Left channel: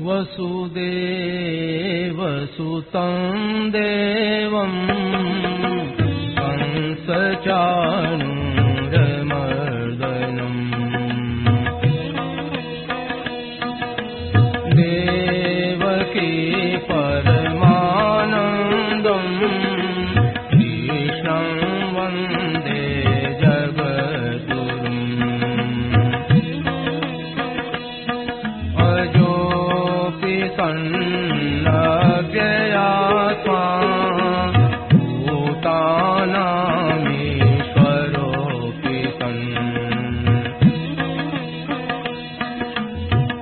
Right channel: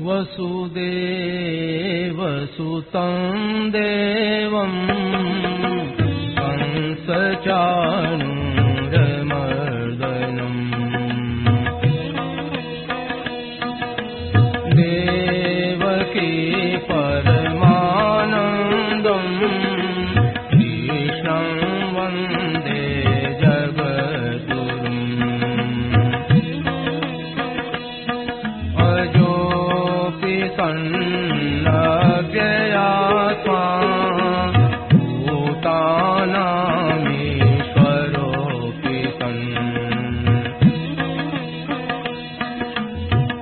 वसुदेवसुतं देवं कंसचाणूरमर्दनम् देवकी परमानन्दं कृष्णं वन्दे जगद्गुरुम् सन्नव्ययात्मा भूतानामीश्वरोऽपि सन्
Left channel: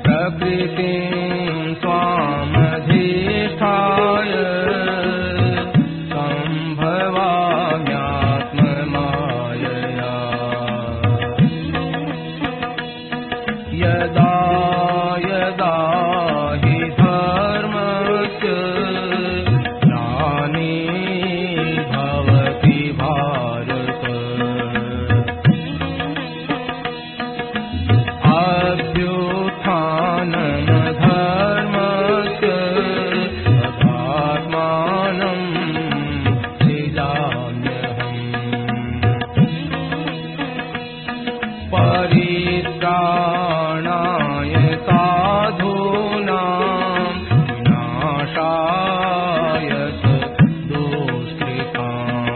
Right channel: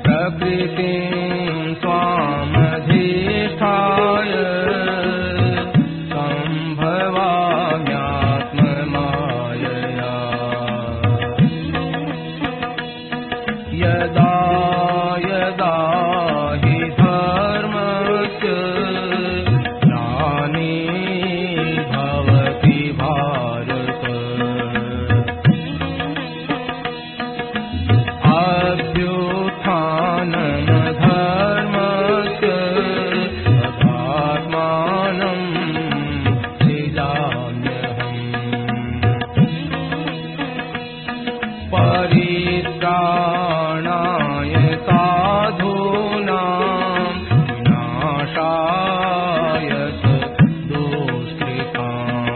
प्रकृतिं स्वामधिष्ठाय सम्भवाम्यात्ममायया यदा यदा परित्राणाय साधूनां विनाशाय दुष्कृताम्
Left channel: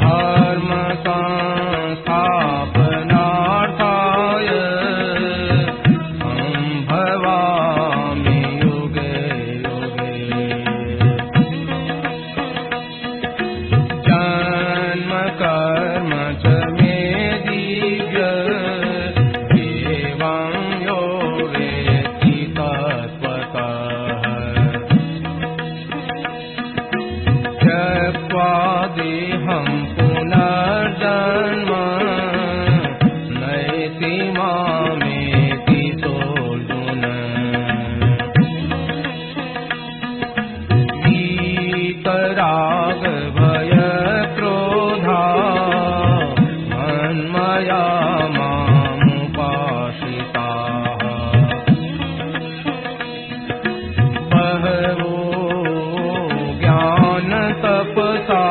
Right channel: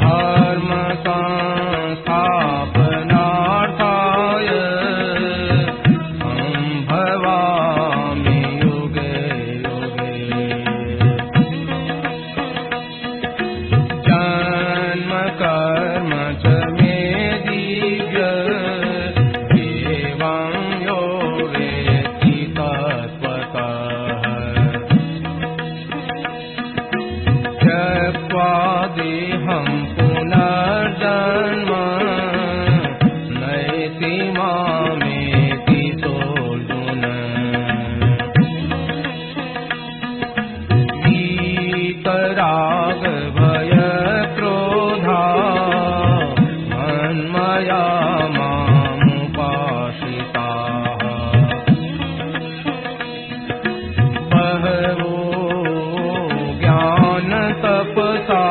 धर्म संस्थापनार्थाय सम्भवामि युगे युगे जन्म कर्म च देहं पुनर्जन्म नयति मामेति सोऽर्जुन वीतराग भय क्रोधा मन्मया मामुपाश्रिताः बहवो ज्ञान तपसा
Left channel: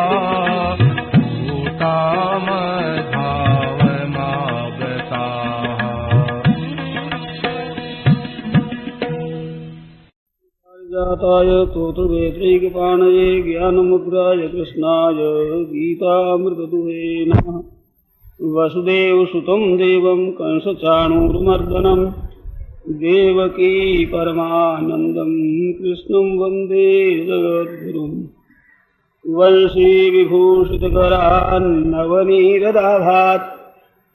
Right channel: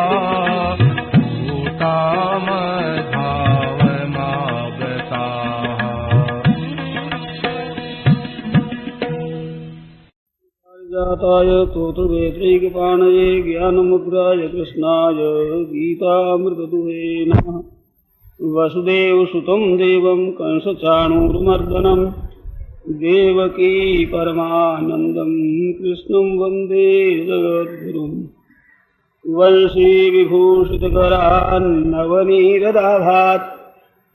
जाताय स्तोत्रवेत्रैकपाणये ज्ञानमुद्राय कृष्णाय गीतामृतदुहे नमः। वसुदेवसुतं देवं कंसचाणूरमर्दनं देवकी परमानन्दं कृष्णं वन्दे जगद्गुरुम् वंशी विभूषितकरान्नवनीरदाभात्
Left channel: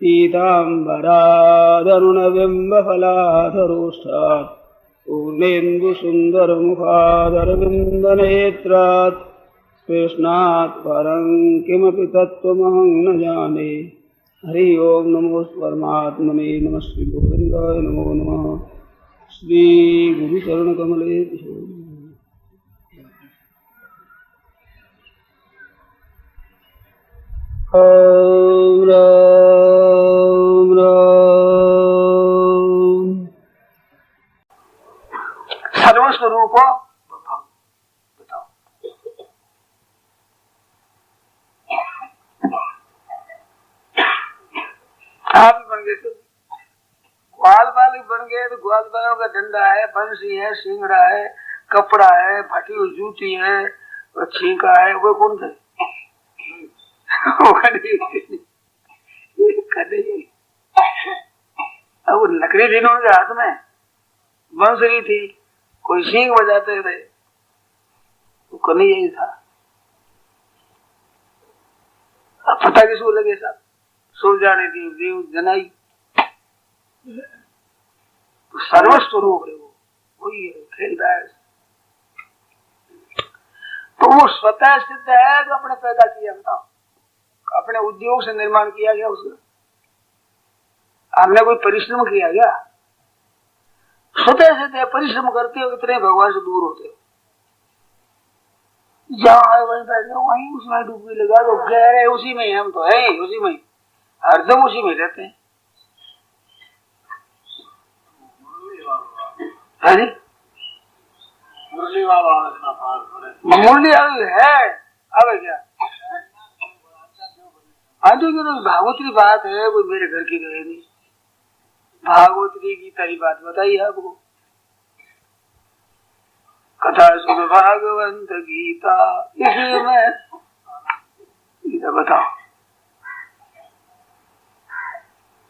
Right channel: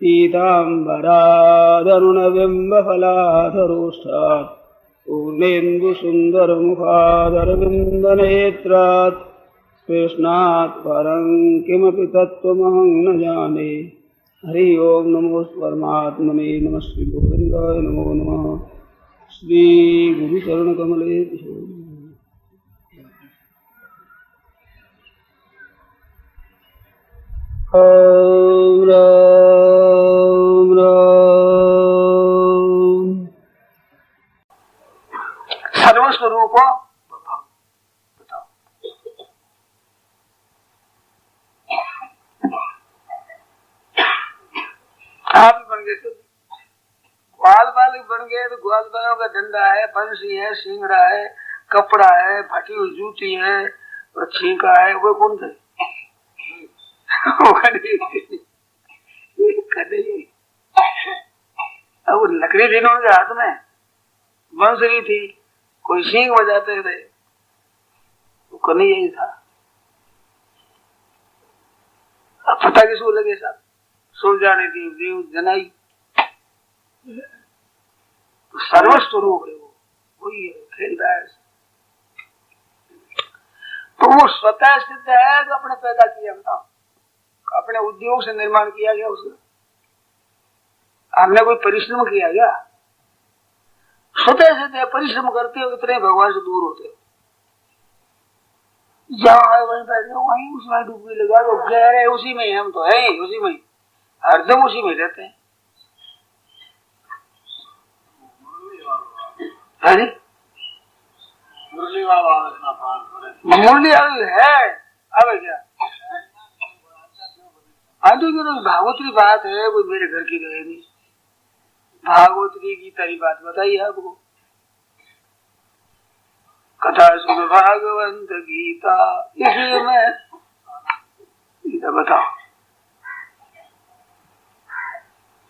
पीताम्बरादरुणबिम्बफलाधरोष्ठात् पूर्णेन्दुसुन्दरमुखादरविन्दनेत्रात् कृष्णात् परं किमपि तत्त्वमहं न जाने। हरि ओं नमो परमात्मने नमः श्री गोविन्दाय नमो नमः। श्री गुरुचरणकमले ओम राम राम। सर्वस्वरूप आप बन गए तो ग्वाल बालिक बन गए तो ग्वाल बालों का डंडा है, बंसी है, सिंगड़ा है, कपड़ा है, फटी हुई जूती है, छींका है, वो कौन थे? अब लकड़ी थी उनके हाथ में, बंसरी थी, कोई सींग बजाते थे, वो कन्हैया यही था। अब पता किसको लगे साथ सुलझाने की देव जनाई, तो सर्वस्वरूप है वो, वही है, खेलता है। तो वो स्वतः सिद्ध है जो अपने पैदा किया, अपने उद्योग से निर्माण किया गया उसने। हमने कोई परिश्रम किया क्या? स्वतः से परिश्रम करते हो इतने भगवान से दूर होते हो। जहाँ है वहीं बैठे वहीं उसमें डूबी लगा तो गहरे उसी में हम तो है उसी में हरदम उसी में रहते हैं। मुरली है अब क्या हाँ जी तो भागवती बात है वो मेरे घर की रहेगी। भागवती की तारी बात बताइए आपको। कथा सुन भागवंत गीता इसी में गीता बताओ।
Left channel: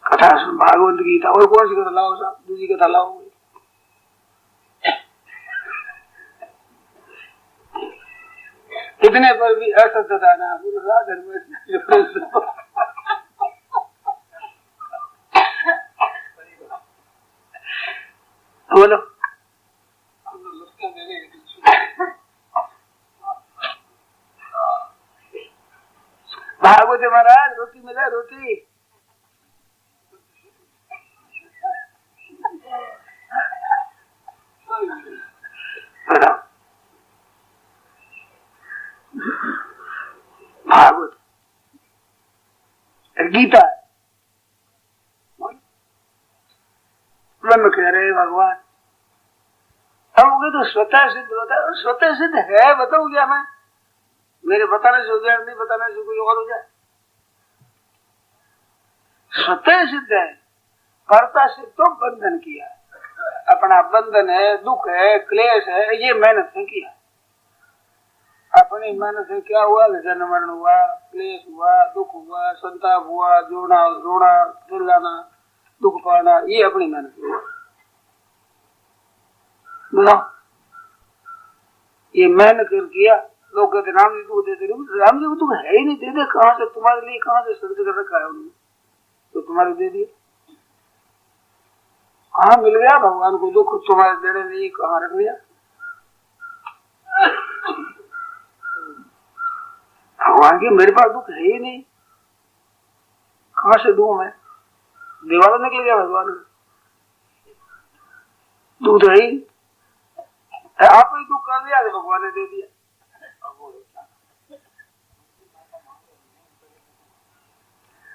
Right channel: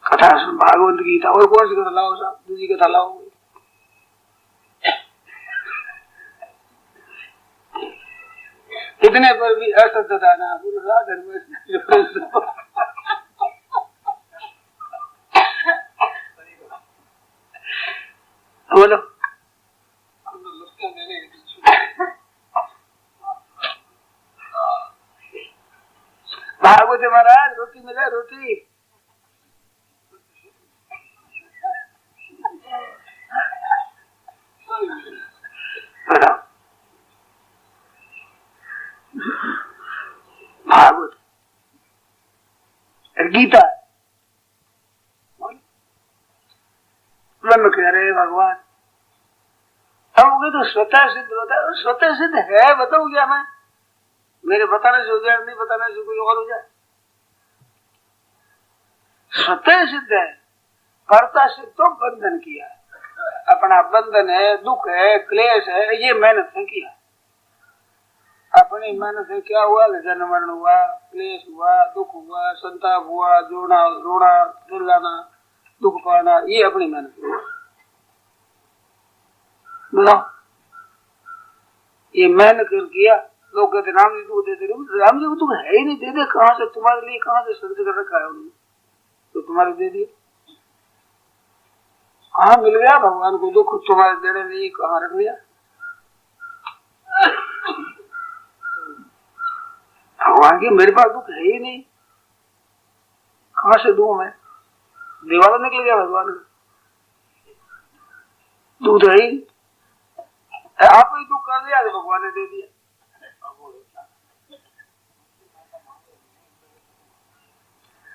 कथा सुन भागवंत गीता और कौन सी कथा लाओ साहब? दूसरी कथा लाओ। इतने पर भी असत्यता ना बोलो। भागवत महाराज रोटी मिले रोटी भागवत गीता ब्रह्म कह रहे भगवान हम तो स्वतः सिद्ध बताओ। स्वतः सिद्ध है बताऊ क्या मैं? मेरे बताने से हो जाए नहीं बताने से कोई और हो जाए। स्वतः सिद्ध है कर्ता से तो बंधन किया अपना बंधन है दुख है क्लेश है ये मेहनत से किया। अपनी मेहनत से क्या हुआ? जन्म मरण हुआ क्लेश हुआ दुख हुआ संताप हुआ जोड़ना रोना चिल्लाना दुख पाना ये अपनी मेहनत हुआ। ये मेहनत कर किया। लोग कहते राम जी को देते राम जी को तुम है ही नहीं दे दे कहाँ से तुम्हारे लिए कहाँ से शब्द कर रखा है उन्होंने तो तुम्हारे दे दिए। हाँ मिल गया भगवान को दुख तुम्हारे देने नहीं कहाँ रख लिया। भगवान की मेरे पास दुख है ही नहीं कहाँ से दूं मैं? दीवार निकल गया भगवान दूध है ही आप ही दुख कर दिया भगवान ने दे दिया।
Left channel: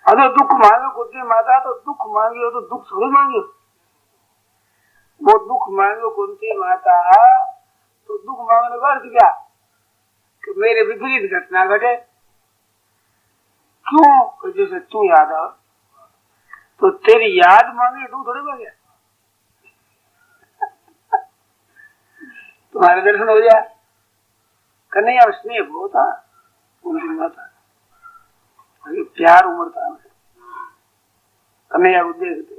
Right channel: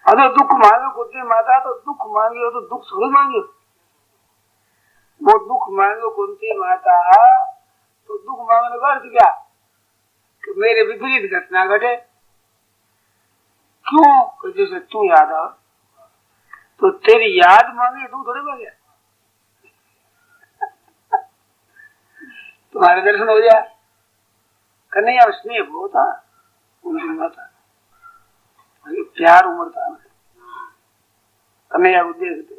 अगर दुख मांगे कुंती माता तो दुख मांगी हो तो दुख थोड़ी मांगे। वो दुख मांगे कुंती माता तो दुख मांगने का अर्थ क्या कि मेरे विपरीत घटना घटे। क्यों? जैसे तू याद आ तो तेरी याद मांगी तू थोड़ी मांगे तुम्हारे दर्शन हो जाए। कन्हैया स्नेह बहुत था कुंती माता प्यार उमड़ता कन्हैया को देखते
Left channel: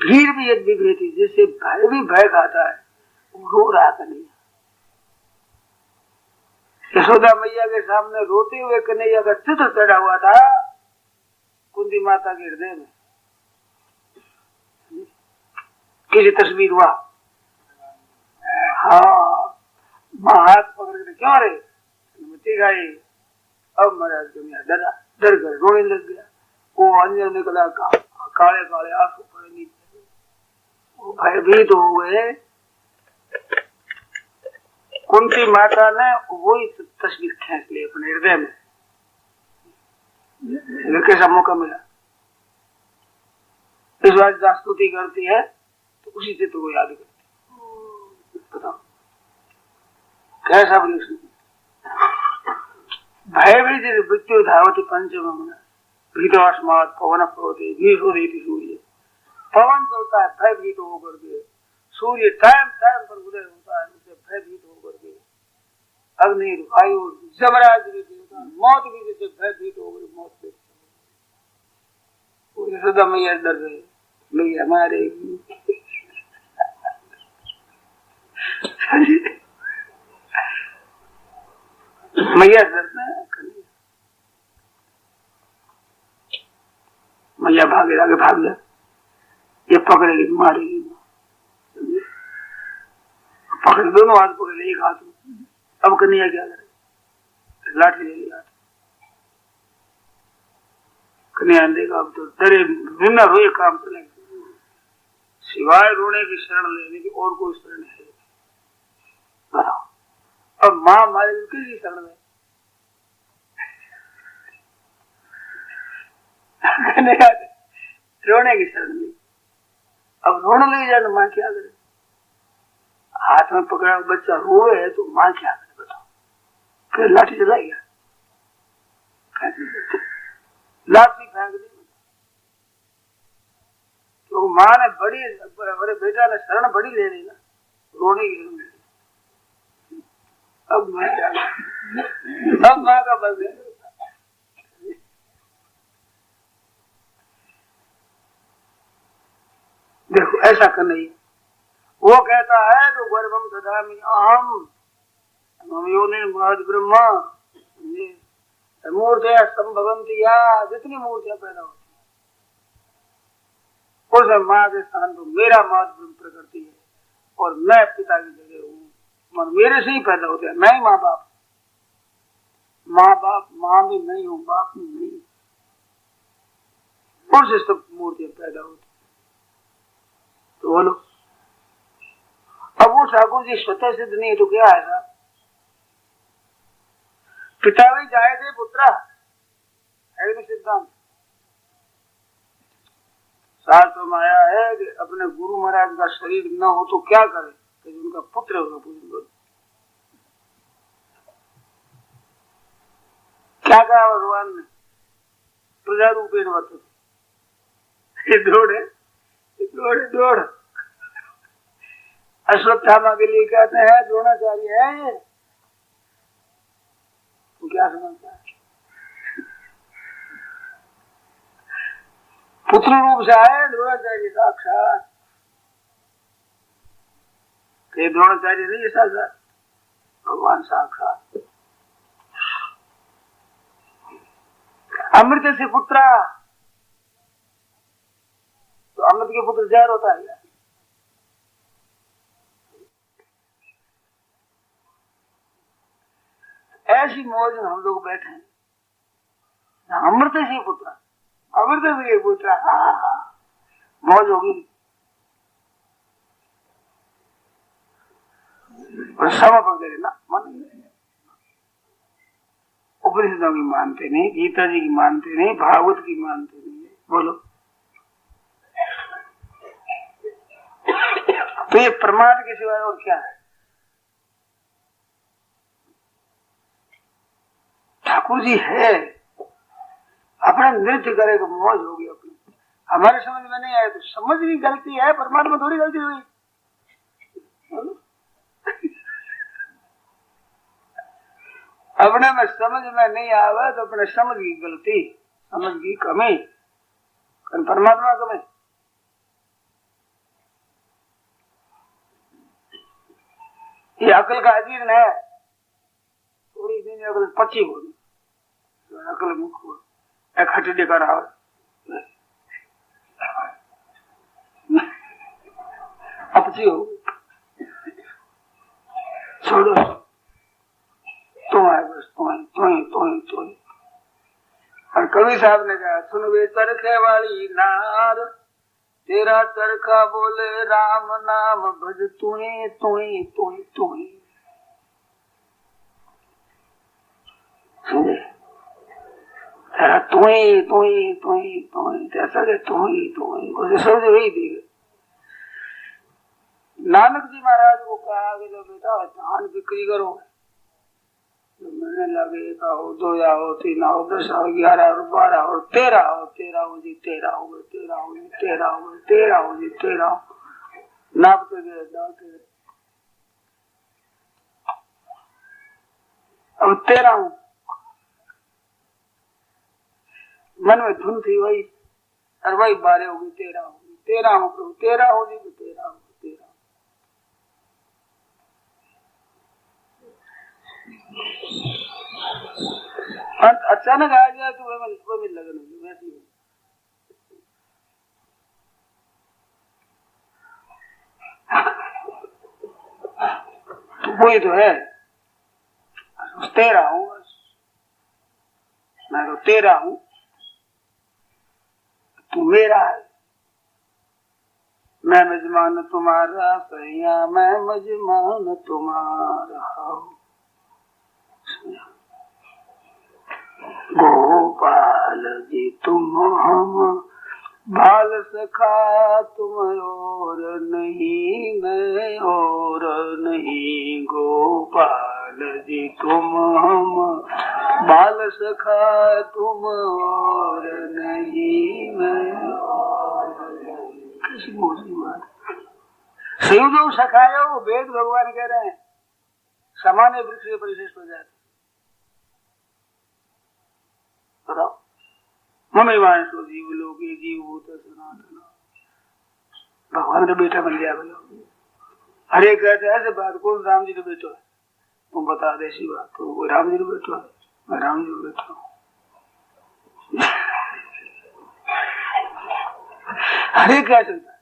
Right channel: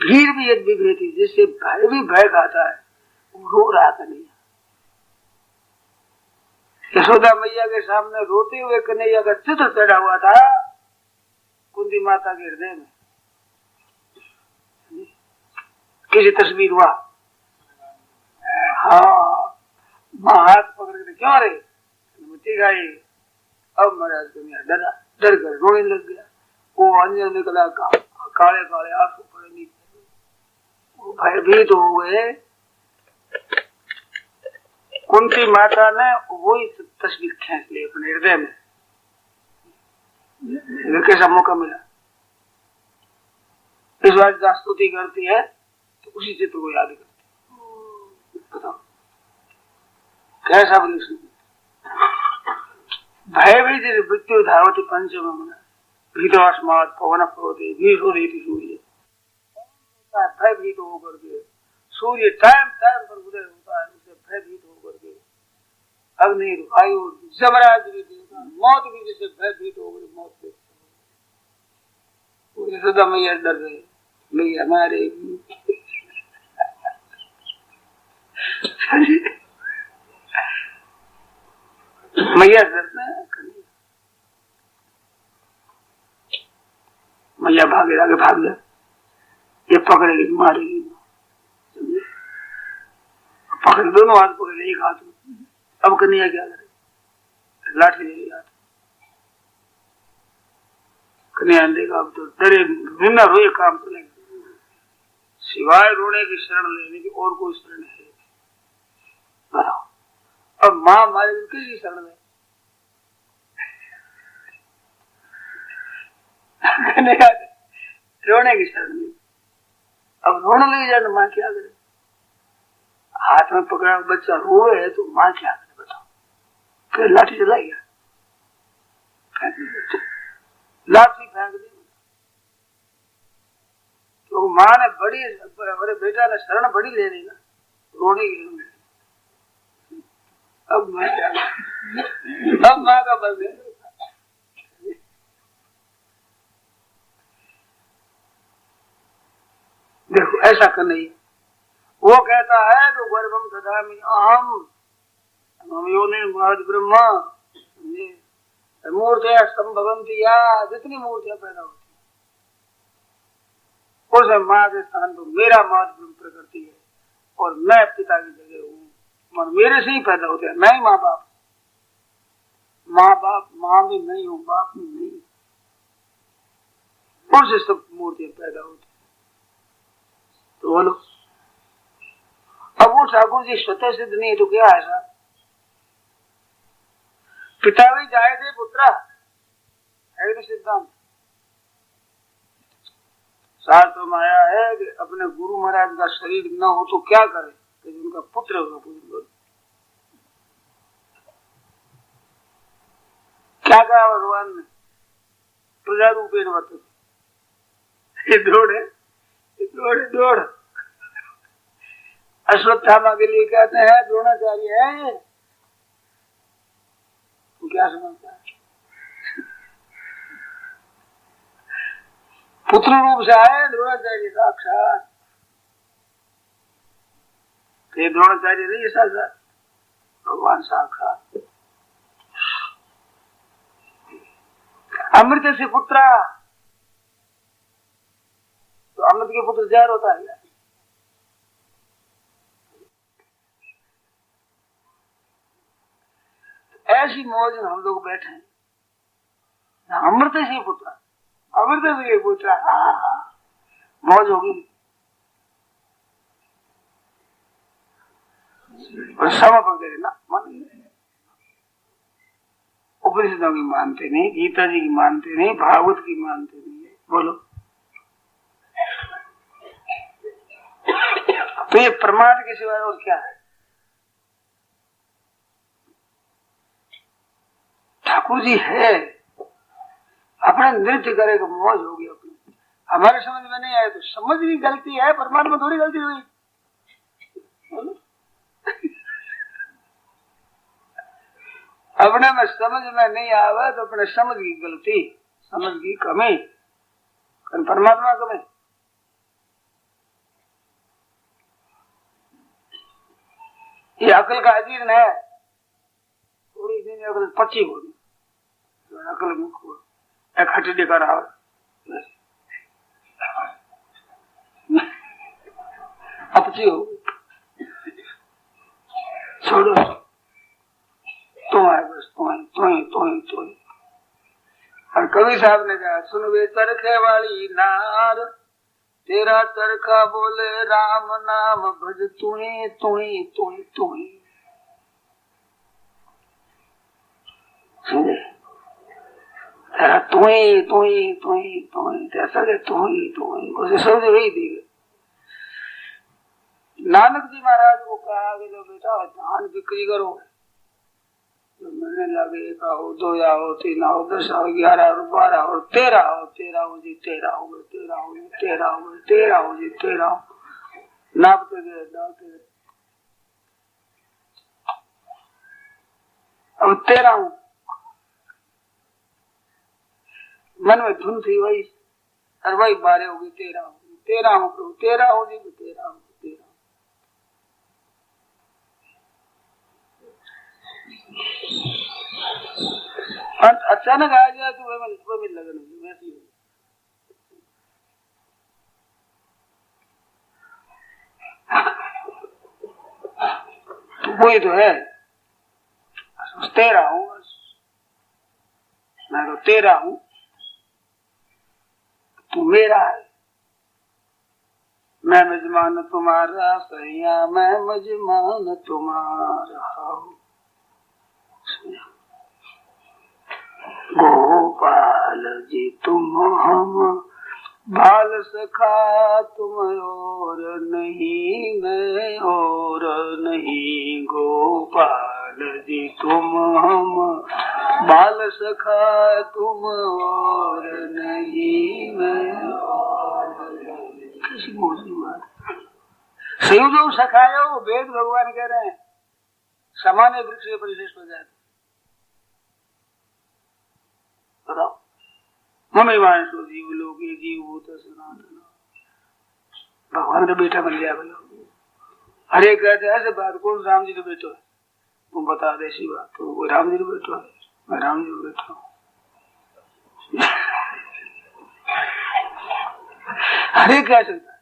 भीड़ भी एक विभ्रति जिससे भय भी भय खाता है वो रो रहा कन्हैया। यशोदा मैया के सामने रोते हुए कन्हैया का चित्र चढ़ा हुआ था कुंती माता के हृदय में। किसी तस्वीर हुआ हाँ माँ हाथ पकड़ के क्यों रे गई। अब महाराज कन्हैया डरा डर कर रोने लग गया। वो अंजन निकला काले काले आंसू पड़े नीचे वो भयभीत हो गए। कुंती माता ने वही तस्वीर खींच ली अपने हृदय में। कैसा मौका मिला इस बार जहाँ स्तुति करती है तो उसी चित्र को याद करती है। बताओ कैसा भय भी मृत्यु धावती पंचम भीतोस्मात पवन प्रोते भीषोदेति सूर्य। पवन चलता है भयभीत होकर के सूर्य टाइम टाइम पर उदय होता है उसे भयभीत होकर के अग्नि वायु जमराज मौत भी जैसे भयभीत हो गई मौत से सदा मैया डर गए नहीं हमारे मैया डरते मैया भागे आगे भाग जा ये पकड़ेगी मारेगी पकड़ दोनों हाथ पकड़े एक हाथ में। अब कन्हैया क्या करे लाठी ले लिया कन्या देगा अब तो डरे बिना रोए काम चलेगा, सिवाय रोने की शरण लेने की और कोई शरण है। अब माँ मारे किसी शरण में रोने की शरण में। अब रोने लग जाए तो माँ क्या करे? हाथ में पकड़ा बच्चा रोए है तो माँ क्या करे बताओ? फिर लाठी चलाएगा, लाठी फेंक दी। तो माँ ने बड़े बेटा ने शरण बड़ी ले ली ना, रोने की। अब मैं क्या करूं? अब माँ का बल है। देखो ऐसा कर नहीं, वो कहता है तो गर्भम ददामि अहम योनि महद ब्रह्मा, मूर्तियां संभवंती, या जितनी मूर्तियां पैदा होती उसे माँ के स्थान पर मेरा माँ प्रकृति है और मैं पिता की जगह हूँ। मेरे से ही पैदा होते हैं, मैं ही माँ बाप। माँ भी नहीं हूँ, बाप भी नहीं, उससे सब मूर्तियां पैदा होती। तो बोलो, अब वो ठाकुर जी स्वतः सिद्ध नहीं है तो क्या है साहब? पिता भी जाए थे पुत्रा है सिद्धांत शास्त्र में आया है कि अपने गुरु महाराज का शरीर न हो तो क्या करे, तो उनका पुत्र होगा पूजन। क्या कहा भगवान ने? प्रजा रूपेण वर्तते, दौड़ अश्वत्थामा के लिए कहते हैं द्रोणाचार्य है ये, तो क्या समझता है? पुत्र रूप से आए द्रोणाचार्य साक्षात, ये द्रोणाचार्य नहीं साक्षात भगवान साक्षात। अमृत से पुत्रा, तो अमृत के पुत्र जहर होता है। ऐसी मौज में हम लोग बैठे हैं, अमृत से पुत्र, अमृत से पुत्र, मौज होगी। समर्पण करे ना, उपनिषदों की मानते नहीं, गीता जी की मानते नहीं, भागवत की मानते नहीं। बोलो, तो ये प्रमाद के सिवाय और क्या है? ठाकुर जी है, अपना नृत्य करे तो मौज होगी अपनी। हमारे समझ में नहीं आए तो समझ भी गलती है, परमात्मा थोड़ी गलती हुई। अपने में समझ में नहीं आवे तो अपने समझ की गलती, समझ की कमी, परमात्मा को नहीं। ये अकल का अजीर्ण है, थोड़ी दिन अकल पची होगी, अकल मुख हो इकट्ठे दिखा रहा अपची हो, छोड़ो तुम आए बस, तुम। और कवि साहब ने कहा, सुन वे चरखे वाली नार, तेरा चरखा बोले राम नाम भज तुही तुही तुही तुही। तेरा तुही तुही तुही तुही, ऐसा तुही तुही, उसे समझ वही दी। नानक जी महाराज को कहा कि जो बेटा धान बिक्री करो, तो मैंने लगे का हो, 2 आओ, 3 आओ, 10 आओ, 11 और 12 और 13 आओ, 13 हो जी, 13 हो गए, 13 हो जी, 13 हो गए, 13 हो जी, 13 नापते गए, डालते गए, अब 13 हूँ। मन में धुन थी वही, और वही 12 होगी, 13 होगी, 13 हो, 13 होगी, 13 होगी, 13। अचानक आ जाए तो वह लगने वैसी हो। तो वही तो है, 13 हूँ, मैं तो 13 हूँ, तू मेरा है, मैं मेजमान तुम्हारा सैया, मैं मेजमान तुम्हारा। गोपाल जी तुम हम बाल सखा, तुम और नहीं मैं और नहीं। गोपाल जी तुम हम बाल सखा, तुम और नहीं मैं और नहीं। शिव जो सखाए वो वेद भगवान कह रहे हैं सामान्य वृक्ष से परिशिष्ट हो जाते। मम्मी वाणसो जीव लोगे जीव भूत सनातन, भगवान का बेटा बन गया। बोलो हरे कहते ऐसे बात, कौन राम जी का बेटा है? तुम बता दे ऐसी बात, तो वो राम जी का बेटा है, मैं राम जी का बेटा हूँ। हरे क्या चलता है?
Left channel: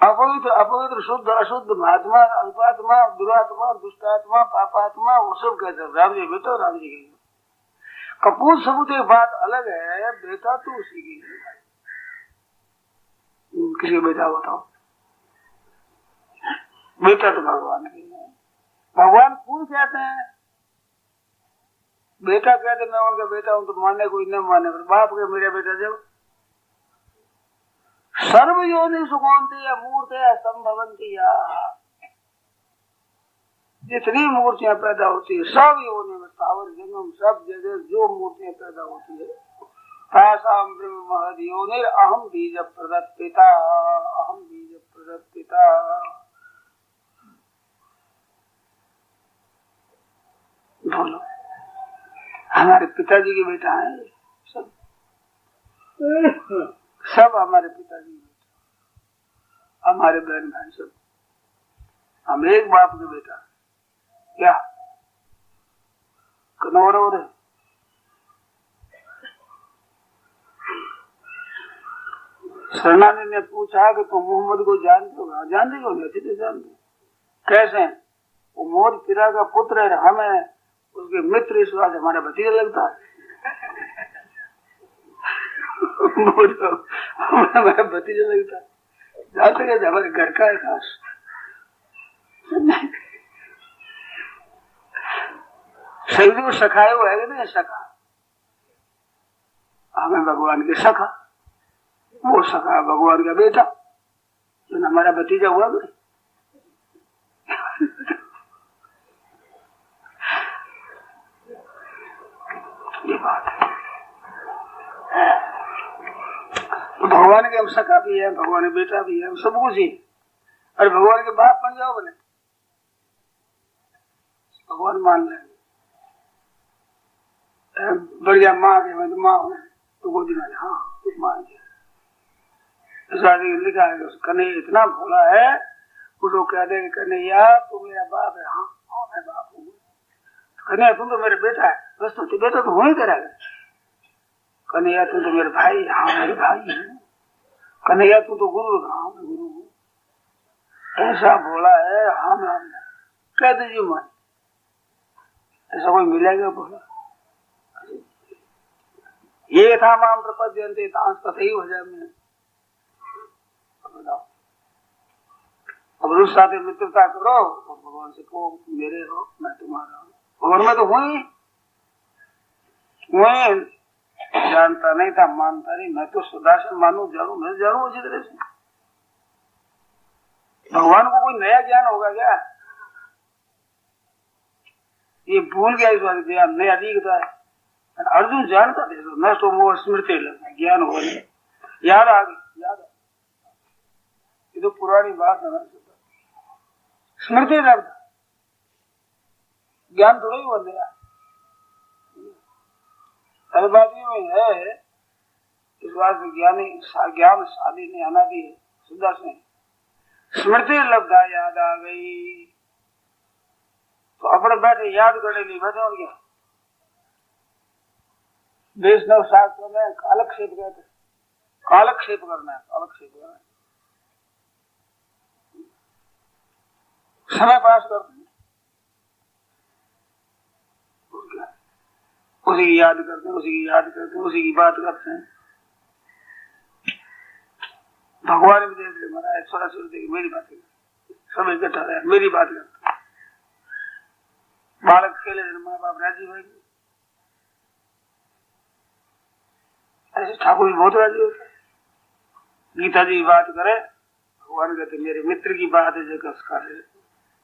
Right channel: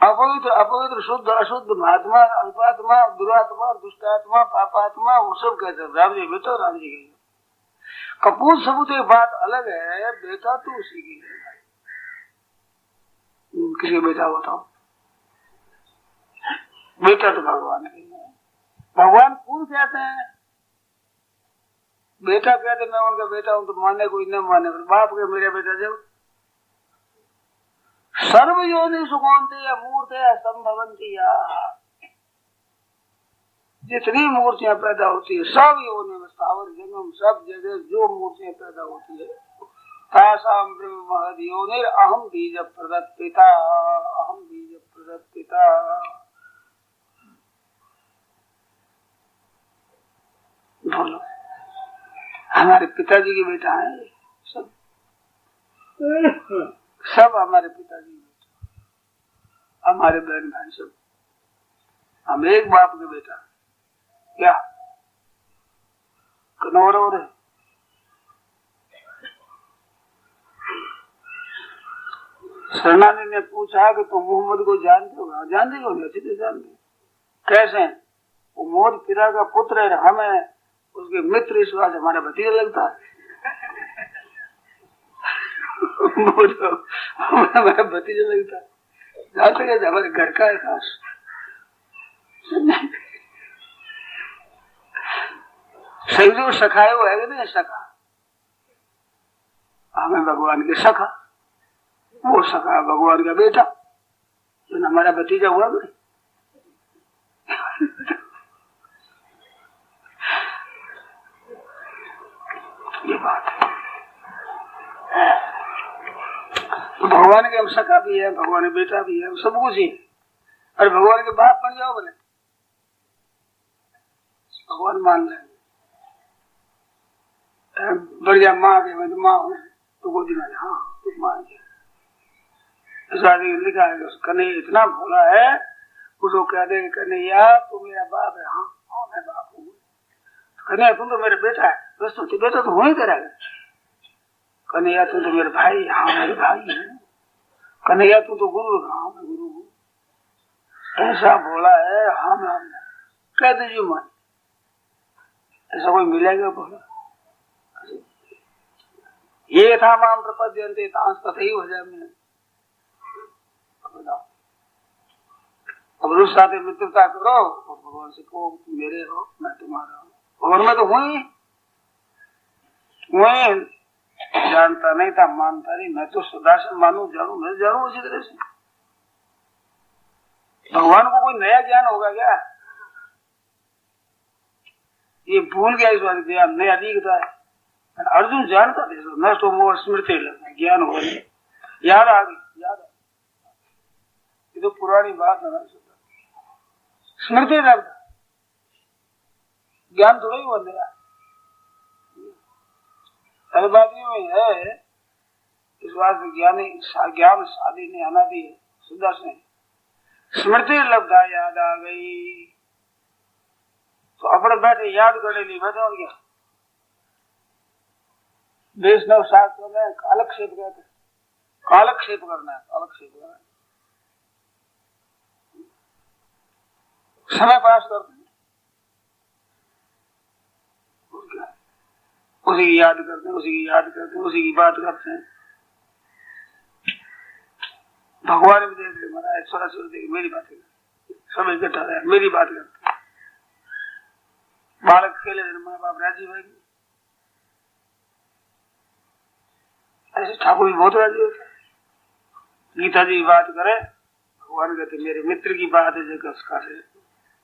अपवित्र अपवित्र शुद्ध अशुद्ध महात्मा अल्पात्मा दुरात्मा दुष्टात्मा पापात्मा वो सब कहते हैं राम जी बेटा, राम जी की कपूर सबूत एक बात अलग है, बेटा तो उसी की है। किसी बेटा बताओ, बेटा तो भगवान की है। भगवान कौन कहते हैं? बेटा कहते मैं उनका बेटा हूं, तो माने कोई न माने, बाप के मेरा बेटा जब सर्व योनि सुगौंती या मूर्ति या संभवंती या, जितनी मूर्तियां पैदा होती है सब योनि में स्थावर जंगम सब जगह जो मूर्तियां पैदा होती है, तासाम ब्रह्म महद योनिर अहम बीज प्रदत्त पिता, अहम बीज प्रदत्त पिता। बोलो हमारे पिताजी के बेटा है सब, सब हमारे पिताजी के बेटा, हमारे बहन भाई सब, हम एक बाप के बेटा। क्या कनौर हो रहे? सेनानी ने पूछा कि तुम मोहम्मद को जानते हो? जानते हो? अच्छे से जानते। कैसे? वो मोहम्मद पिता का पुत्र है, हमें उसके मित्र इस बात हमारा भतीजा लगता है। हमारा भतीजा लगता है, जानते हैं हमारे घर का है खास। सही जो सखाए वो है ना, सखा हमें भगवान के सखा, वो सखा भगवान का बेटा, तो हमारा भतीजा हुआ ना। ये बात है। तो भगवान के हम सखा भी है, भगवान के बेटा भी है, सब कुछ ही। अरे भगवान के बाप बन जाओ बोले, भगवान मान लेंगे। बढ़िया माँ के मैं तो माँ हूँ, तो गोदी में हाँ तो मान लिया। लिखा है कन्हैया इतना भोला है, उसको कह दे कन्हैया तू मेरा बाप है। हाँ हाँ मैं बाप हूँ। कन्हैया तुम तो मेरा बेटा है। बस तो बेटा तो वही करेगा। कन्हैया तुम तो मेरे भाई। हाँ मेरे भाई है। कन्हैया तू तो गुरु। हाँ मैं गुरु हूँ। ऐसा भोला है। हाँ मैं कह दीजिए मान, ऐसा कोई मिलेगा भोला? ये था माम प्रपद्यन्ते तांस तथैव भजामि। अब रुष साथे मित्रता करो और भगवान से कहो मेरे हो मैं तुम्हारा हूँ। और मैं तो हूँ ही, जानता नहीं था, मानता नहीं। मैं तो सदा से मानू जानू, मैं जानू उसी तरह से। भगवान को कोई नया ज्ञान होगा क्या? ये भूल गया इस बात ज्ञान नया दिखता है। अर्जुन जानता था नष्ट हो मोह स्मृति लगना, ज्ञान हो नहीं, याद आ गई, याद आ। ये तो पुरानी बात है ना, स्मृति लगता, ज्ञान थोड़ा ही बन गया। हर बात में है इस बात में ज्ञान शादी ने अनादि सुधा से स्मृति लब्धा याद आ गई। तो अपने बैठे याद करने लिए बैठे हो गया। वैष्णव शास्त्र में कालक्षेप कहते, कालक्षेप करना है, कालक्षेप करना, समय पास करते हैं, उसी की याद करते हैं, उसी की याद करते हैं, उसी की बात करते हैं। भगवान भी देख रहे महाराज, सरस्वती देख मेरी बातें सब इकट्ठा रहे, मेरी बात करते। बालक खेले माँ बाप राजी भाई, ऐसे ठाकुर जी बहुत राजी होते। गीता जी बात करे, भगवान कहते मेरे मित्र की बात है जगह,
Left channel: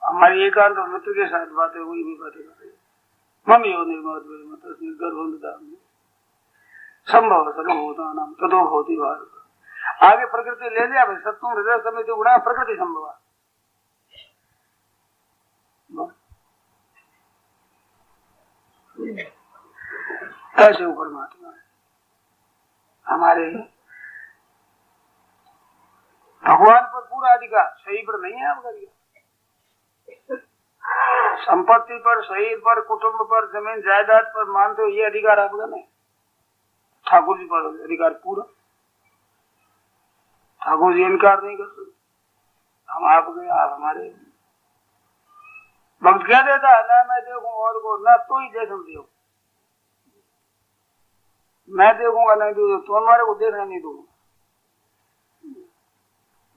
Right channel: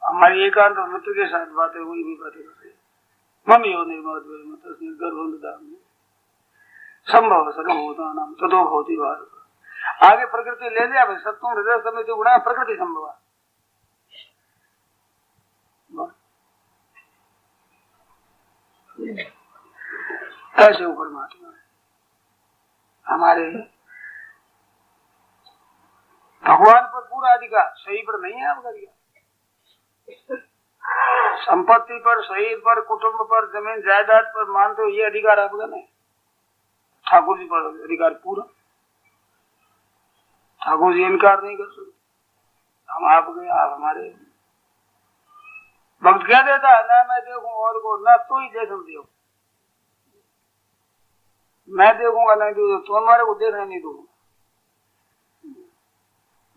हमारी एकांत और मित्र के साथ बातें हुई भी बातें कर रही। मम्मी हो निर्मत गर्भ संभव सर्वभूता नाम तदो होती बात। आगे प्रकृति ले लिया भाई, सत्तों हृदय समय जो गुणा प्रकृति संभव। कैसे वो परमात्मा है हमारे, भगवान पर पूरा अधिकार, सही पर नहीं है आपका। संपत्ति पर, शरीर पर, कुटुंब पर, जमीन जायदाद पर मानते हो ये अधिकार आपका नहीं। ठाकुर जी पर अधिकार पूरा, ठाकुर जी इनकार नहीं कर सकते। हम आपके, आप हमारे। भक्त क्या देता है, ना मैं देखूं और को, ना तू ही देख दियो, मैं देखूंगा नहीं तो हमारे को देखने नहीं दूंगा,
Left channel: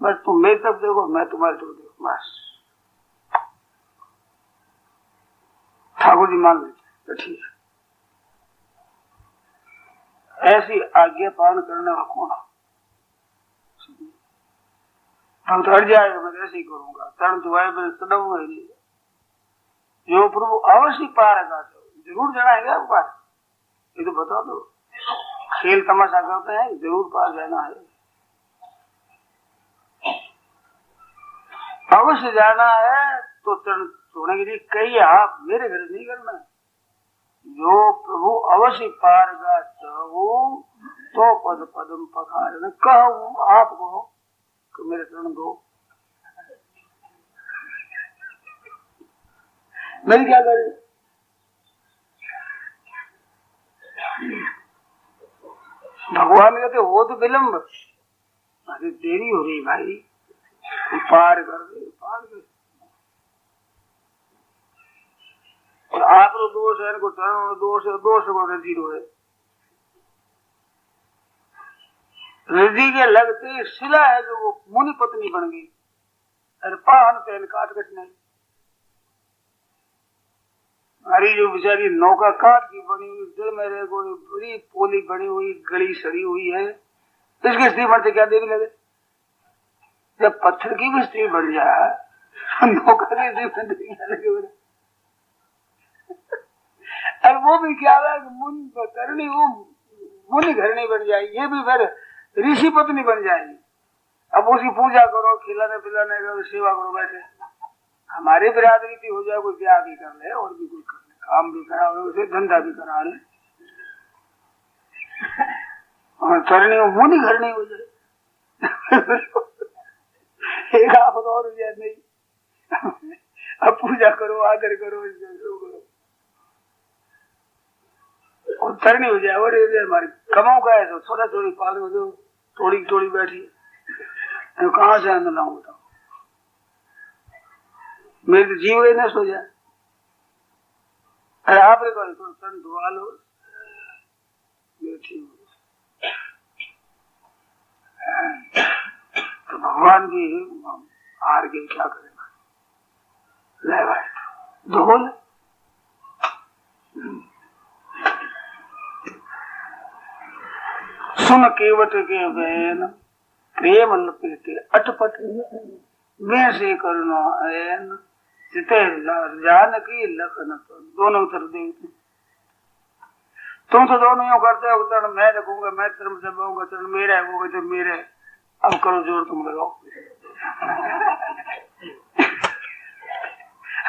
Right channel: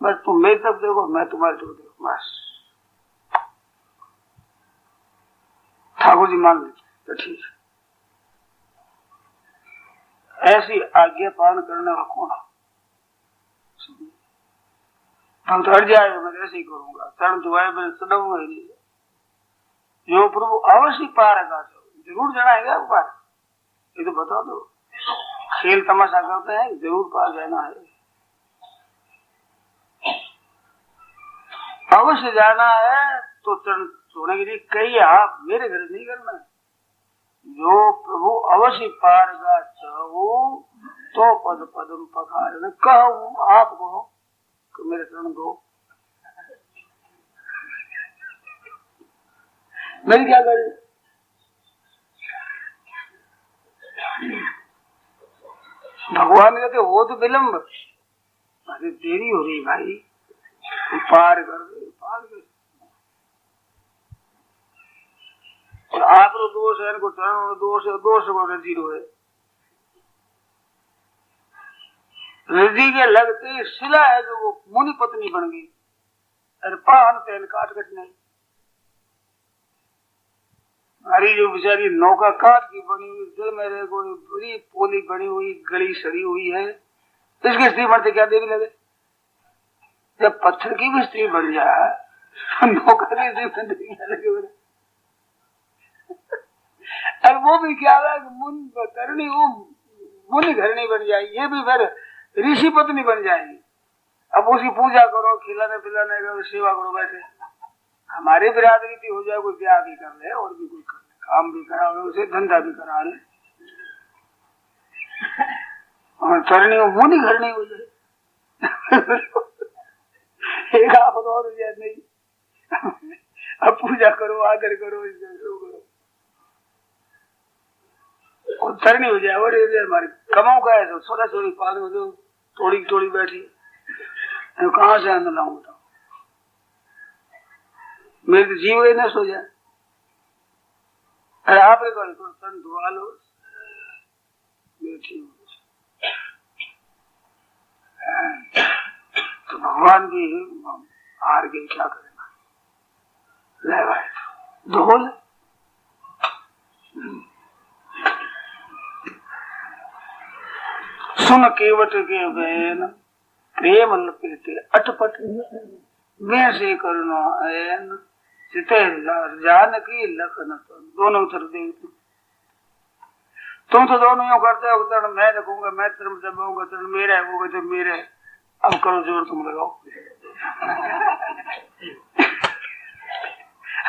बस तुम मेरी तरफ देखो, मैं तुम्हारी तरफ देखो, बस। ठाकुर जी मान लेते तो ठीक है। ऐसी आज्ञा पालन करने का कौन है? हम तो हट जाएगा, मैं ऐसे ही करूंगा, तरण दुआए मैं चढ़ूंगा ही नहीं। जो प्रभु अवश्य पारेगा जरूर जनाएगा वो पार, ये तो बता दो। खेल तमाशा करते हैं, जरूर पार जाना है, अवश्य जाना है। तो तरण छोड़ने के लिए कई आप मेरे घर नहीं करना। जो प्रभु अवश्य पारेगा चाहो तो पद पदम पखार कहो आपको तो मेरे चरण दो, मेरी क्या करे। भगवान कहते हो तो विलम्ब, अरे देरी हो रही भाई, पार कर दे, पार कर। और आप दोष है, इनको दोष है, दोष को जीरो है। रिद्धि के लगते शिला है जो वो मुनि पत्नी बन गई, अरे पान तेल काट कट नहीं। हमारी जो बेचारी नौका काट की बनी हुई, दिल मेरे को बड़ी पोली बनी हुई, गली सड़ी हुई है, इसकी स्त्री बनते क्या देवी लगे। जब पत्थर की भी स्त्री बन जाए, नौका की स्त्री बनते क्या लगे। और वो भी क्या है, मुन करनी वो मुनि घरनी बन जाएगी, ये भी फिर ऋषि पत्नी बन जाएगी। अब उसकी पूजा करो, खिलाने पिलाने का सेवा करो। वैसे हमारी बिरादरी की हो जाए, कोई ब्याह भी कर ले और भी कोई कर ले, काम भी करा ले, उसे धंधा भी करा ले, और चरनी मुनि घरनी हो जाए। एक आप और हो जाए नहीं, अब पूजा करो, आदर करो, करो और चरनी हो जाए। और हमारे कमाओ का है तो सोरा सोरी पाल हो दो, थोड़ी थोड़ी बैठी, कहाँ से मैं लाऊं बताओ, मेरे तो जीव ही न सो जाए। अरे आप तो तन धुआ लो, तो भगवान भी हार गए, क्या करेगा, ले भाई धोल। सुन केवट के बैन प्रेम लपेटे अटपट, मैं से करुणा ऐन चिते जानकी लखन। दोनों उत्तर दे, तुम तो दोनों यूं करते हो, तरण मैं रखूंगा, मैं तरम दबाऊंगा, तरण मेरा है, वो तो मेरे। अब करो जोर, तुम लगाओ।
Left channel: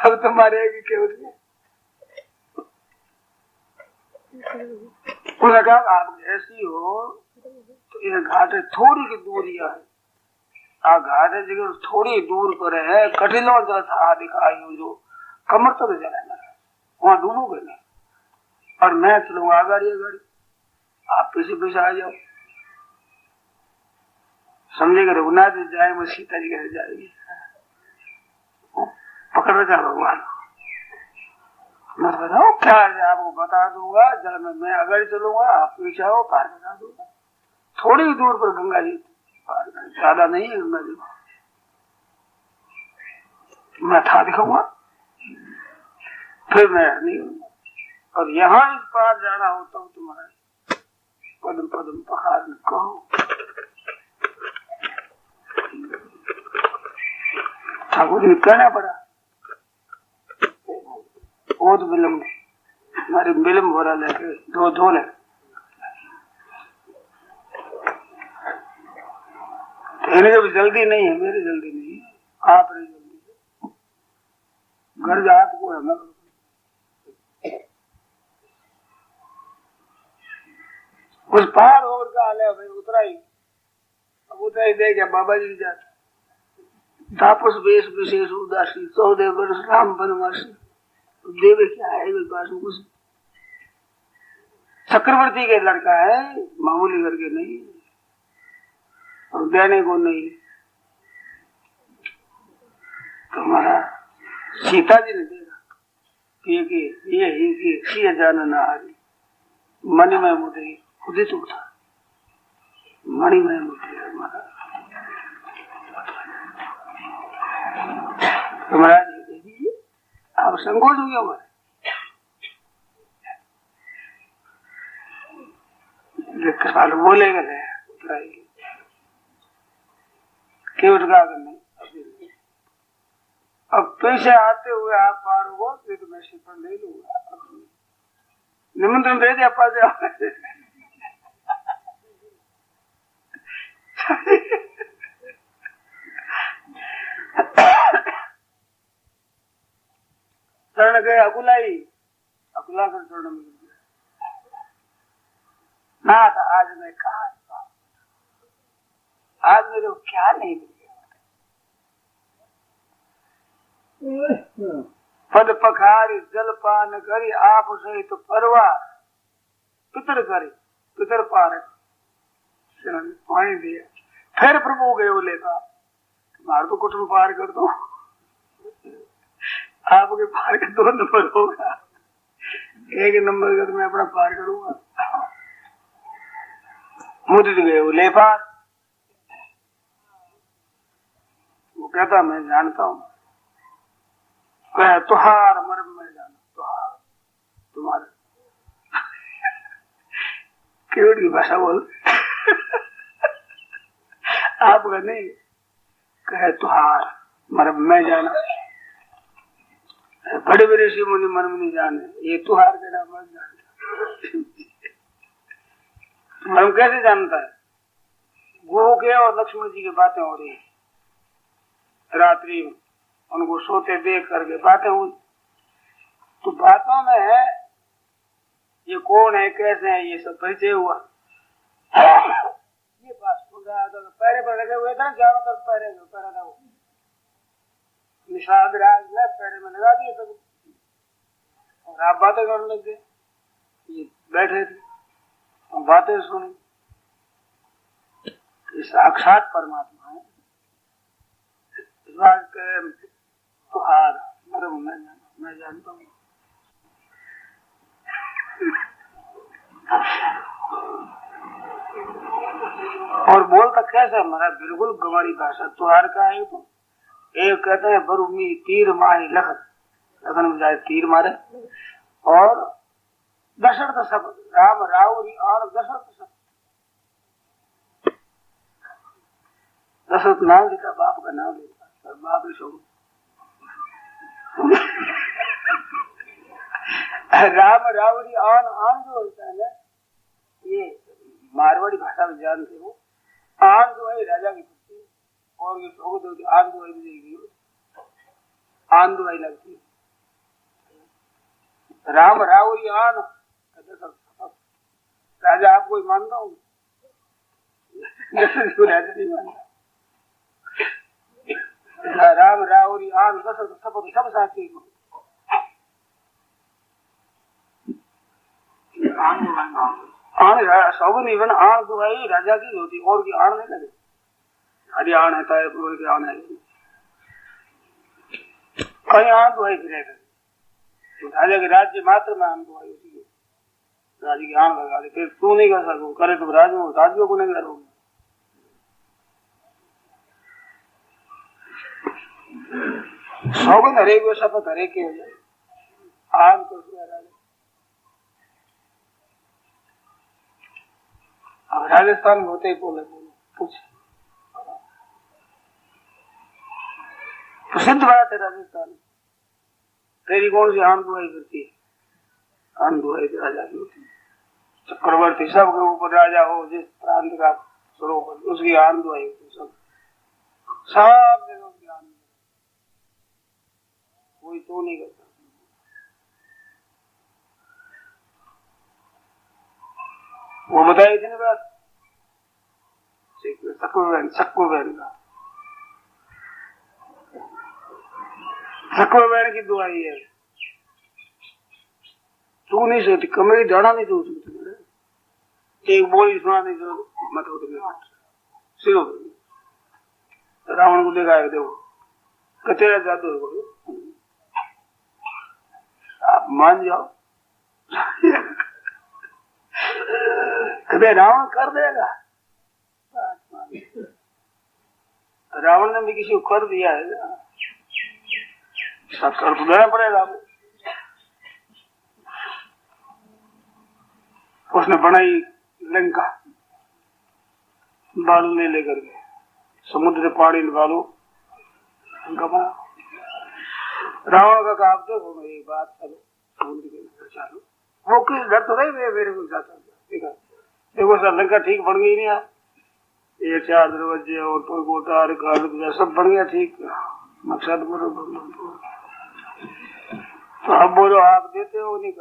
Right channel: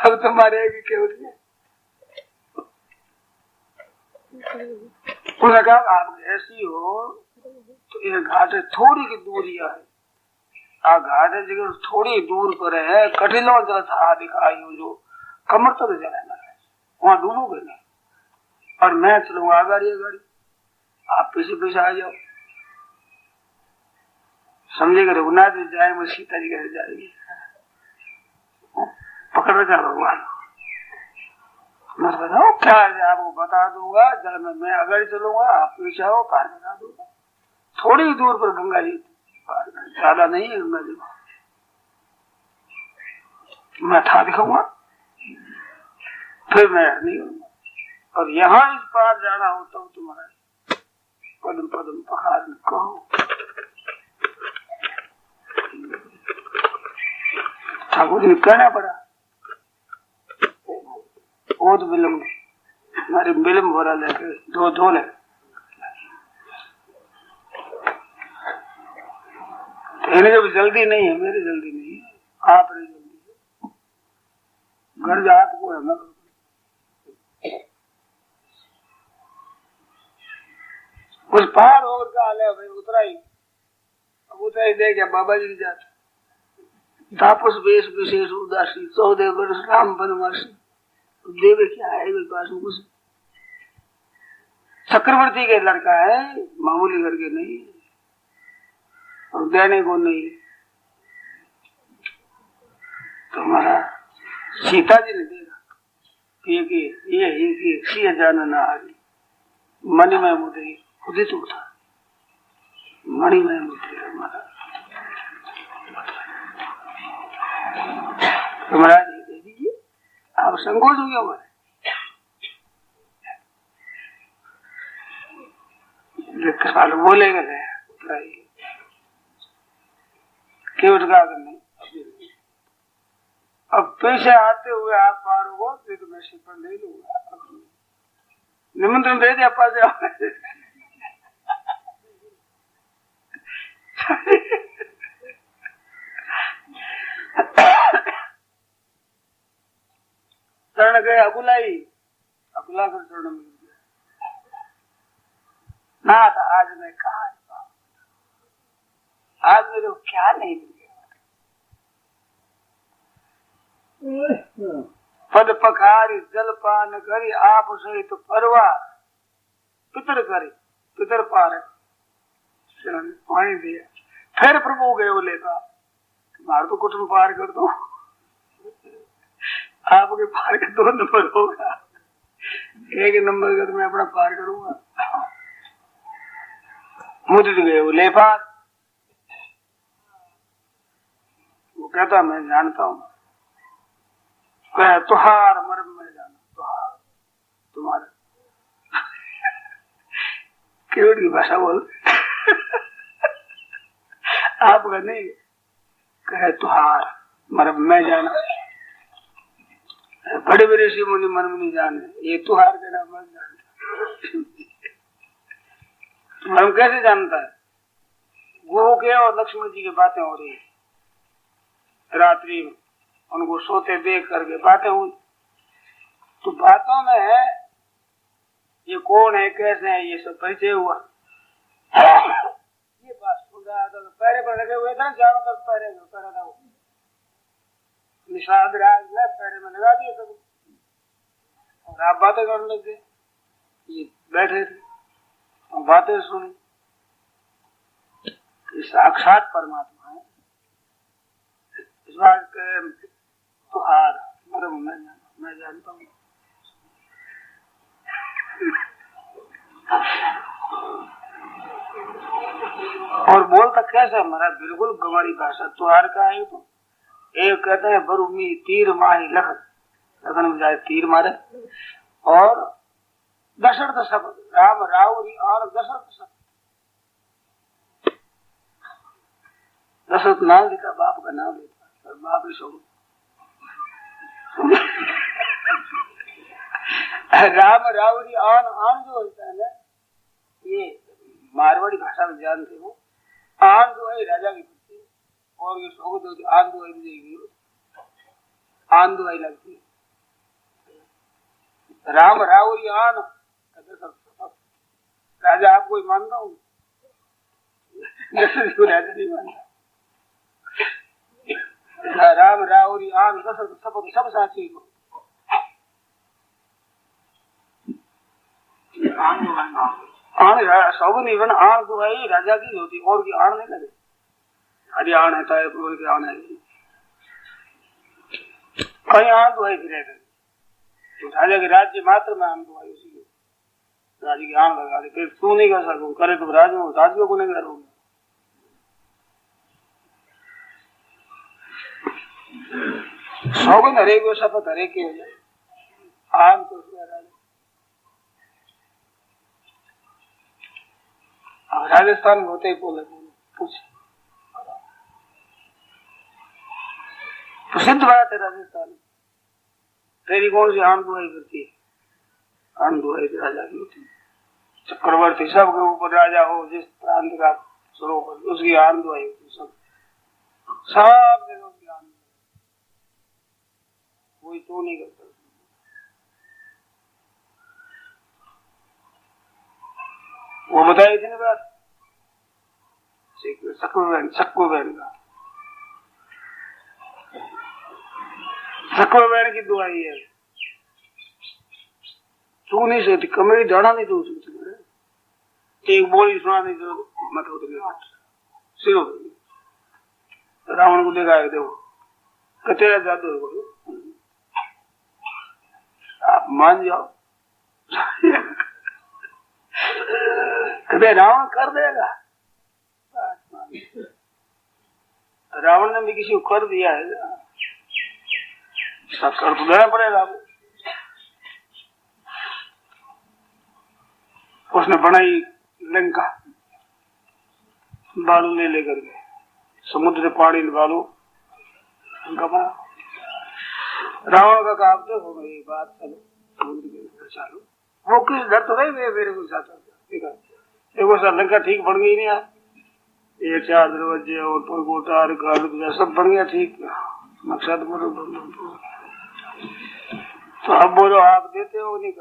अब तुम्हारे केवट में उन्होंने कहा आप ऐसी हो तो ये घाट थोड़ी की दूरी है, आ घाट जगह थोड़ी दूर पर है, कठिनों था दिखाई हो जो कमर तक जाना है, वहां डूबोगे नहीं। और मैं चलूंगा गाड़ी, आप पीछे पीछे आ जाओ, समझेगा रघुनाथ जाए वो सीता जी कैसे जाएगी, पकड़ में जा भगवान। मैं बताओ क्या है, आपको बता दूंगा, जब मैं अगर चलूंगा आप पीछे आओ, पार बता दूंगा। थोड़ी दूर पर गंगा जी पार ज्यादा नहीं है मैं था दिखाऊंगा फिर मैं नहीं हूँ। और यहाँ इस पार जाना हो तब तुम्हारा पदम पदम पहाड़ कहो। ठाकुर जी कहना पड़ा वो तो विलम्ब हमारी विलम्ब हो रहा लेके धो ले इन्हें भी जल्दी नहीं है, मेरी जल्दी नहीं है, आप रही जल्दी है। घर जात को है ना कुछ पार होकर का आले भाई उतराई अब उतराई दे गया बाबा जी जाते तापस वेश विशेष उदासी 14 वर्ष राम बनवासी देवे क्या है पास कुछ चक्रवर्ती के लड़का है, मामूली घर के नहीं और देने को नहीं। तो हमारा सीता जी ने देखा ये सिंह जान ना आ गई मणि में मुद्री खुद ही तो था मणि में मुद्री हमारा तो महाराज दे दीजिए आप संकोच हो गया हमारे साल बोलेगा क्यों नहीं अब पैसे आते हुए आप पार हो तो मैं शिपन ले लूंगा निमंत्रण दे दिया पा जाओ चरण गए अकुला कर चरण मिल गया ना था आज मैं कहा आज मेरे को क्या नहीं मिल गया पद पखारी जल पान करी आप सहित परवा पितर करे पितर पार पानी दिया फिर प्रभु गए वो लेकर मार तो कुछ पार कर दो आपके पार का 2 नंबर होगा 1 नंबर का तो मैं अपना पार करूंगा मुझे तो गए वो ले पार वो कहता मैं जानता हूँ तुहार मर्म में जाना तुहार तुम्हारा केवट की भाषा बोल आपका नहीं कहे तुहार मर्म में जाना बड़े बड़े ऋषि मुनि मर्म नहीं जाने ये तुहार का नाम मत जानता मर्म कैसे जानता है गुरु के और लक्ष्मण जी की बातें हो रही है रात्रि में उनको सोते देख करके बातें हुई तो बातों में ये कौन है कैसे है ये सब परिचय हुआ ये बात सुन रहा था पैरे पर लगे हुए थे चारों तरफ पैरे करा था निषाद राज पैरे में लगा दिए सब और आप बातें करने लगे ये बैठे थे और बातें सुनी साक्षात परमात्मा है इस बात तुहार मरम मैं जानता हूँ और बोलता कैसा हमारा बिल्कुल गंवारी भाषा तुहार का है तो एक कहते हैं बरूमी तीर मारी लखन लखन में जाए तीर मारे और दशरथ सब राम रावरी और दशरथ सब दशरथ नाम लेता बाप का नाम लेता और बाप ही सब राम रावरी आन जो होता है ना ये मारवाड़ी भाषा में जानते हो आन जो है राजा की पुत्री और ये शोभत होती आन दुआई भी आन दुआई लगती है राम रावरी आन राजा आपको ही मानता हूँ राजा नहीं मानता राम रावरी आन शपथ सब साथी सब नहीं आन दुआई राजा की होती और की आन नहीं लगे हरी आन है तायपुर की आन है कहीं आन दुआई फिर तो राजा के राज्य मात्र में आन दुआई उसी राजा की आन लगा दे फिर तू नहीं कर सकू करे तो राज को नहीं करोगे सौगंध हरे को शपथ हरे के हो जाए आम को राजस्थान में होते ही बोला पूछे प्रसिद्ध बात है राजस्थान में। तेरी कौन सी आम दुआई करती है? आम दुआई राजा की होती है। चक्रवर्ती सब के ऊपर राजा हो जिस प्रांत का सरोवर उसकी आम दुआई होती है। सब जगह उसकी आम कोई तो नहीं करता। वो बताई थी ना बात सक्कू बहन का सक्कू बहन की दुआई है। तू नहीं सोचती कमरे डाढ़ा नहीं तू एक बोली सुना नहीं तो मत होते सिरो रावण को देखा है देखो कतेरा जादू है आप मान जाओ कदे रावण कर देगा। रावण ने भी किसी को कर दिया है सब कर तो देना पड़ेगा। उसने बनाई लंका बालू ले लेकर के समुद्र से पानी निकालो उनका बना। रावण का कहा देखो मेरी बात चलो वो किस डर तो नहीं मेरे को साथ देखो सर लंका ठीक बन गई नहीं ये 4 दरवाजे और गोटार सब बन गया ठीक मकसद बोलो तो अब बोलो आप देते हो नहीं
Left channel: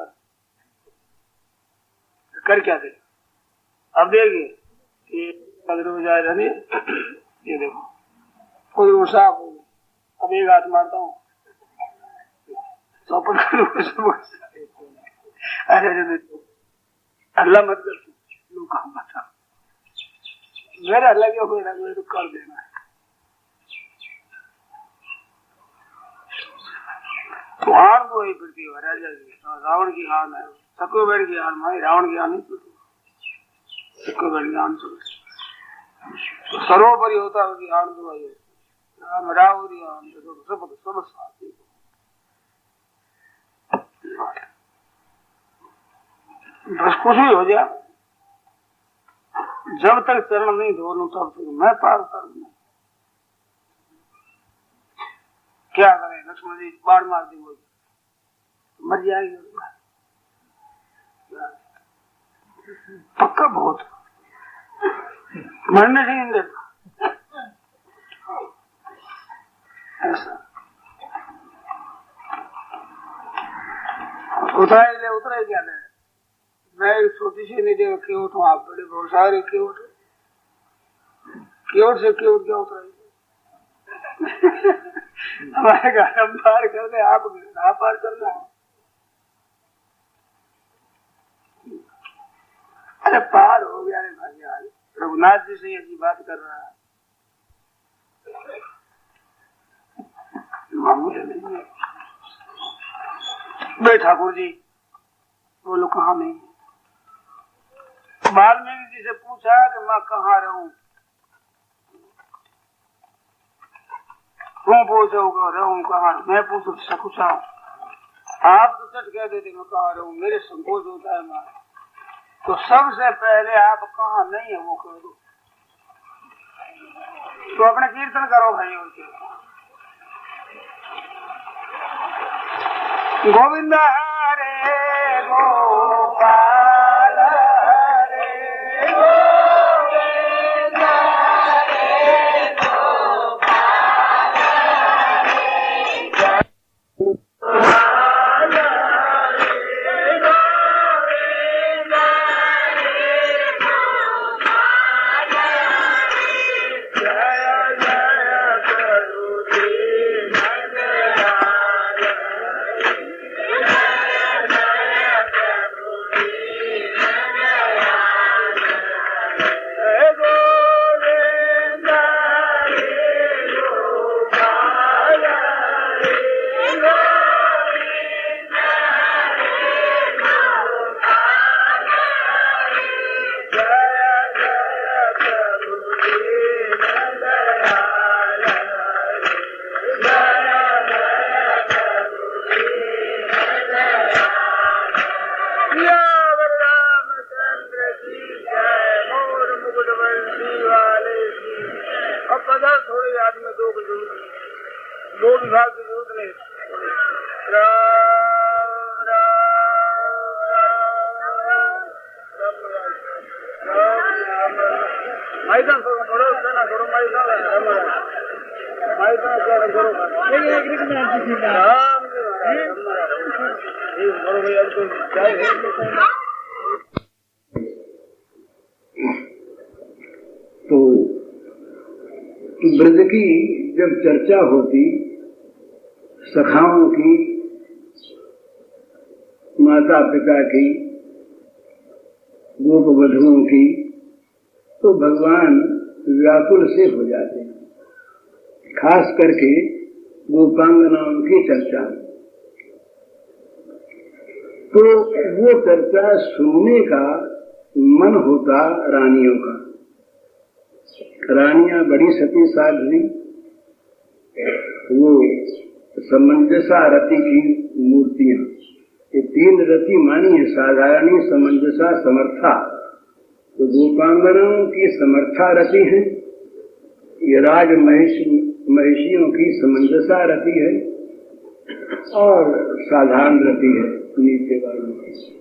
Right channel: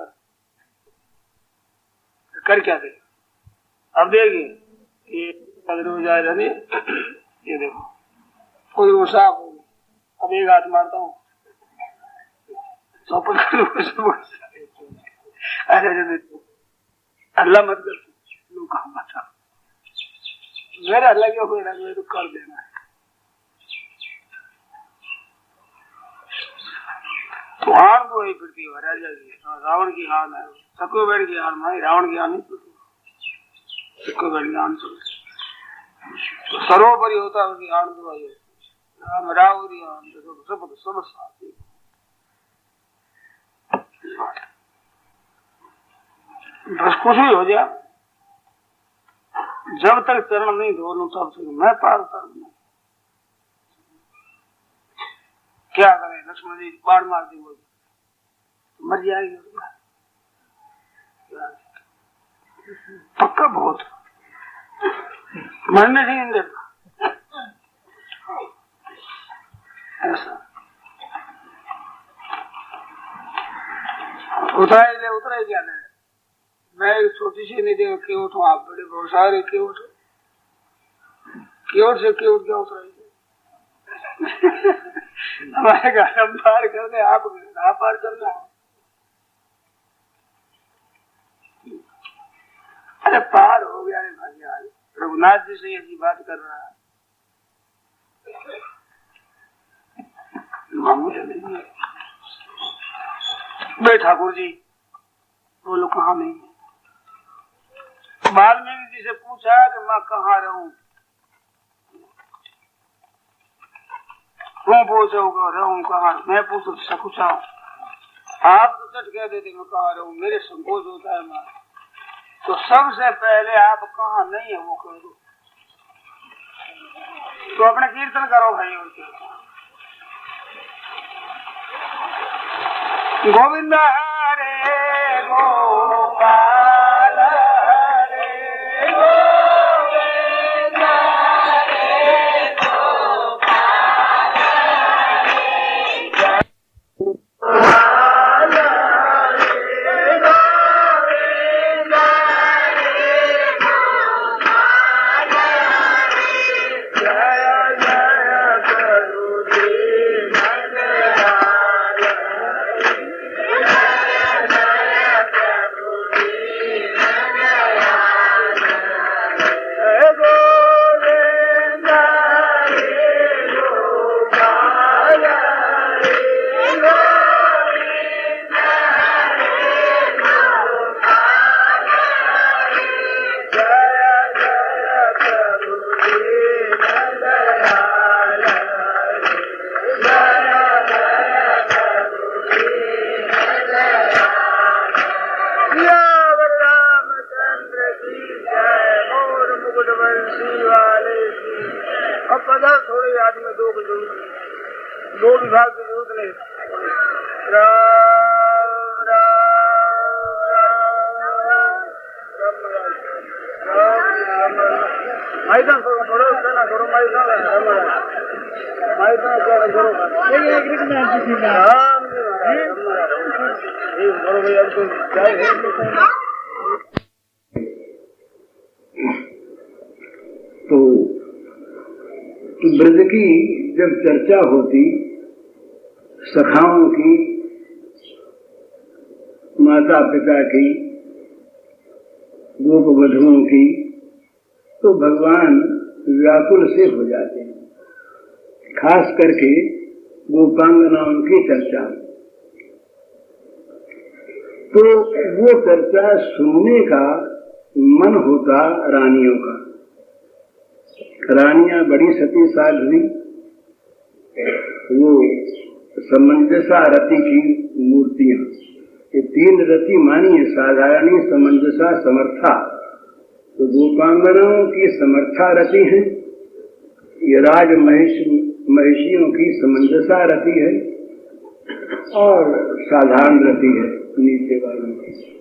कर क्या दे अब देगी ये दरवाजा नहीं ये देखो कोई साफ हो अब एक हाथ मारता हूँ अल्लाह मत कर मेरे अल्लाह क्यों तो कर देना है। तो हार को ही फिरती है राजा की रावण की हार है सक्कू बेड़ की हार मारी रावण की हार नहीं फिरती सक्कू बेड़ की हार तो सर्वोपरि होता है उसकी हार दुआई राम रावरी सब सब साथी बस कुछ भी हो जाए जब तक चरण नहीं धोलूं तब तक मैं पार करूंगा। क्या करें लक्ष्मण जी बाढ़ मार दी मर जाएगी पक्का बहुत मरने से नहीं देता ऐसा उतरा क्या नहीं मैं छोटी सी नहीं देखा केवट हूँ आप बड़े बहुत सारे केवट से केवट क्या उतराई हमारे घर हम पार कर दे आप पार करना। अरे पार हो गया रे भाई यार रघुनाथ जी से ऐसी बात कर रहा है मामूली नहीं है। बे ठाकुर जी बोलो कहाँ नहीं वाल्मीकि जी से पूछा कि मैं कहाँ रहूं तुम पूछो रहूं कहाँ मैं पूछू कुछ आप तो सच कह देते मैं कहाँ रहूं मेरे संकोच होता है मैं तो सबसे पहले आप कहाँ नहीं है वो कह दो तो अपने कीर्तन करो भाई उनके गोविंद हरे गोपाल हरे गोविंद हरे गोपाल हरे विभाग में दो की जरूरत नहीं, दो विभाग की जरूरत नहीं। राम मैदान पढ़ो ना करो मैदान करो तो ब्रज की जब चर्चा होती सखाओं की, माता पिता की, गोप वधुओं की, तो भगवान व्याकुल से हो जाते हैं। खास करके गोपांगनाओं की चर्चा, तो वो चर्चा सुनने का मन होता रानियों का। रानियां बड़ी सती साध्वी, वो समंजसा रति की मूर्तियां, ये तीन रति मानी है, साधारणी, समंजसा, समर्था। तो गोपांगनाओं की समर्था रति है, ये राज महिषियों की समंजसा रति है और साधारण रति है नीचे वालों की।